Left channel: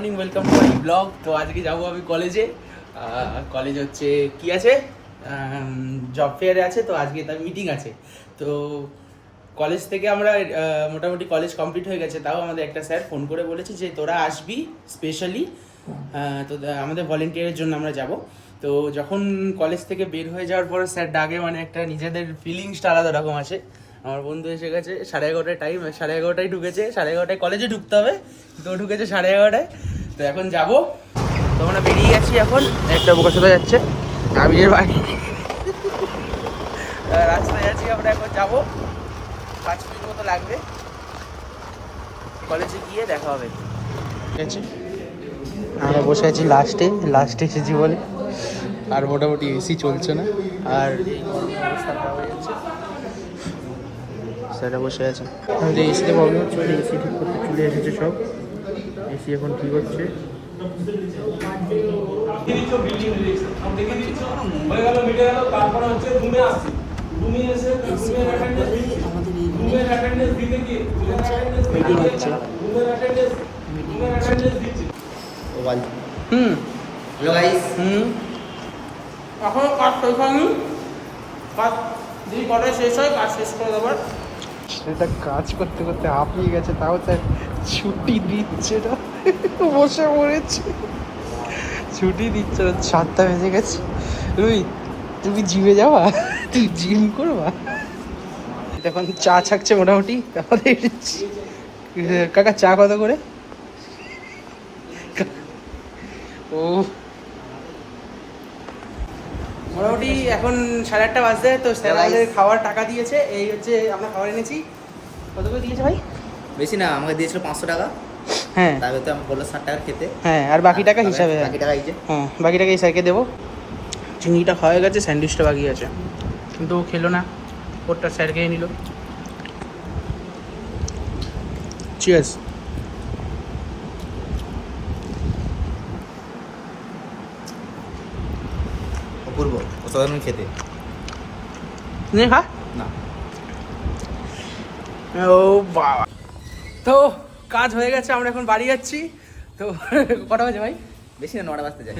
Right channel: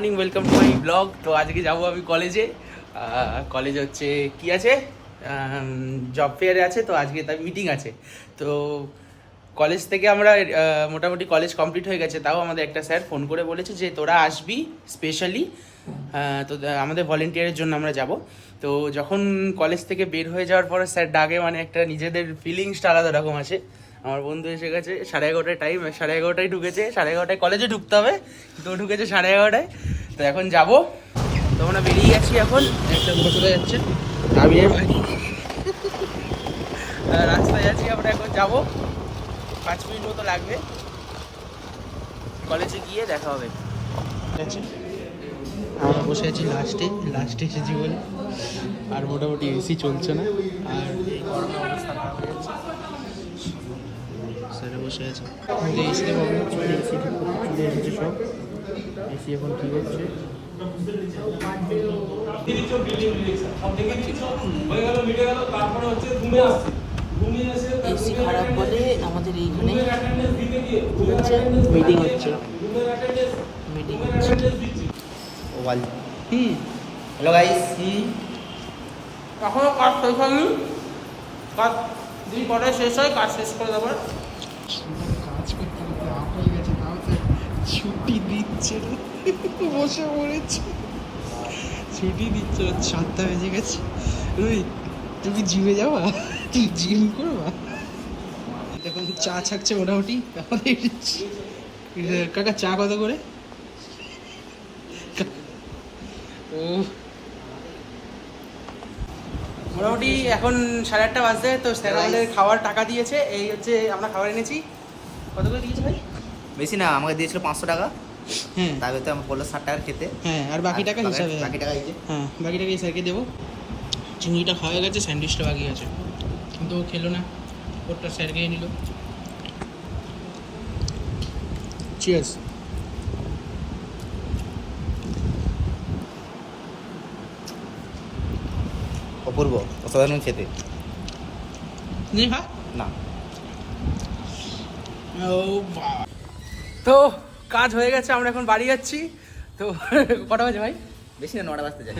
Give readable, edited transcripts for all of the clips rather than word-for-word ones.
Morning, welcome to my blog. তো আজকে যাবো আমি কলেজে। কলেজ হচ্ছে কি আছে, জব ফেয়ারে আছে। তো আজকে তার মিটিং আছে। তো কলেজ থেকে আমরা মোটামুটি কলেজ কমপ্লিট হয়ে গেছে, তাও আমাদের একটা স্যার ফোন করে বলেছে যে তোরা আসবি স্পেশালি। তো আমাদের ভলেন্টিয়ারের জন্য আমরা যাব। তো যখন কলেজ থেকে বের হয়ে যাওয়ার পরে স্যার ডাকে, মানে একটা নিজেদের ফিলিংসটা আলাদা রকম আছে। আমার বন্ধু এসে গেছে 11:30 টাইম, 11:30 ঢুকেছে, 11:30 কলেজে ঢুকতে হবে, তো ঢুকেছে 11:30। তো এখন যাব, তো আমরা বেরিয়ে গেছি। এখন একটা বোকা চলে যাচ্ছে আবিরের বাড়ি, রাস্তায় আছি আমরা। এখন যাবো, 5 মিনিট মতো লাগবে। কলেজে গিয়ে দেখা হবে। ঠিক আছে, আমরা বসে আছি লাস্টে এসেছি বলে। আর মোটামুটি এসি চলছে না, আর অবস্থা খারাপ হয়ে যাচ্ছে। স্যাররা বসে আছে, যে এসিতে প্রবলেম হচ্ছে, এসি ঠিক করতে চলে এসেছে সব। এসি এখন ঠিক হচ্ছে। এসি খারাপ বলে আমাদের এই মিটিং হচ্ছে। Hello guys. এখনো কাজ শেষ হয়নি, কাজ যদি কটায় শেষ হয় কাজ শেষ করে দেবার। সেটা কাজ করতে করতে হাঁপিয়ে গেছে, তাও স্যার ছুটি দিচ্ছে না, বসে পড়েছে। ছুটি দিচ্ছে না, 7টা বেজে গেছে। রুই, তুমি জিমে যাওয়া? তুই জিম করবা? এখন চা ছাকছে মোটামুটি আমাদের। কাকা চা কত করে? ও মোটামুটি এখন 8:30 বাজছে। তো স্যার আমাদের খাওয়ার টাকা দিয়েছে। এই হচ্ছে আমরা খাবার এনেছি। কত করে দিয়েছে ভাই? বেশি না, আমাকে দিয়েছিল 500 টাকা। হ্যাঁ, তার ভিতরে আমাকে বললো 60 টাকা খেতে। হ্যাঁ, আর বাকি টাকা হিসাবে। বাকি টাকা এই যে। হ্যাঁ, বাকি টাকা এই স্যারকে দেবো। চিংড়িটা খাওয়া গেছে, স্যান্ডউইচটা বাকি আছে, কিন্তু ও খেলো না, ওরটা স্যার খেয়ে নিল। চিয়ার্স। অপূর্ব, অসাধারণ খেতে। নে খা না, ও বাবা। তো কাজ হয়ে গেছে, আমরা এখন বাড়ি যাচ্ছি। তো কটা বাজে ভাই? বেশি না, 9টা বাজতে যায়।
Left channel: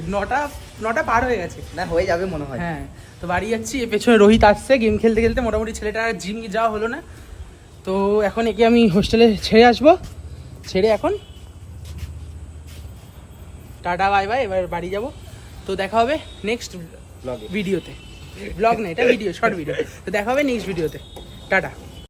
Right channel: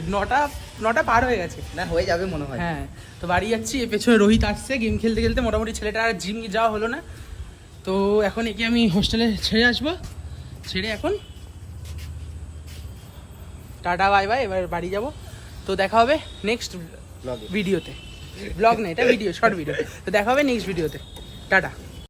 9টা পার হয়ে গেছে। না, হয়ে যাবে মনে হয়। হ্যাঁ, তো বাড়ি যাচ্ছি। এর পেছনে রোহিত আসছে গেম খেলতে খেলতে। মোটামুটি ছেলেটা আর জিম যাওয়া হলো না। তো এখন একে আমি হোস্টেলে ছেড়ে আসবো। ছেড়ে এখন টাটা বাই বাই, এবার বাড়ি যাব। তো দেখা হবে নেক্সট ব্লগে। ভিডিওতে। ব্লগ না, এটা ভিডিও, শর্ট ভিডিও। তো দেখা হবে নেক্সট ভিডিওতে। টাটা।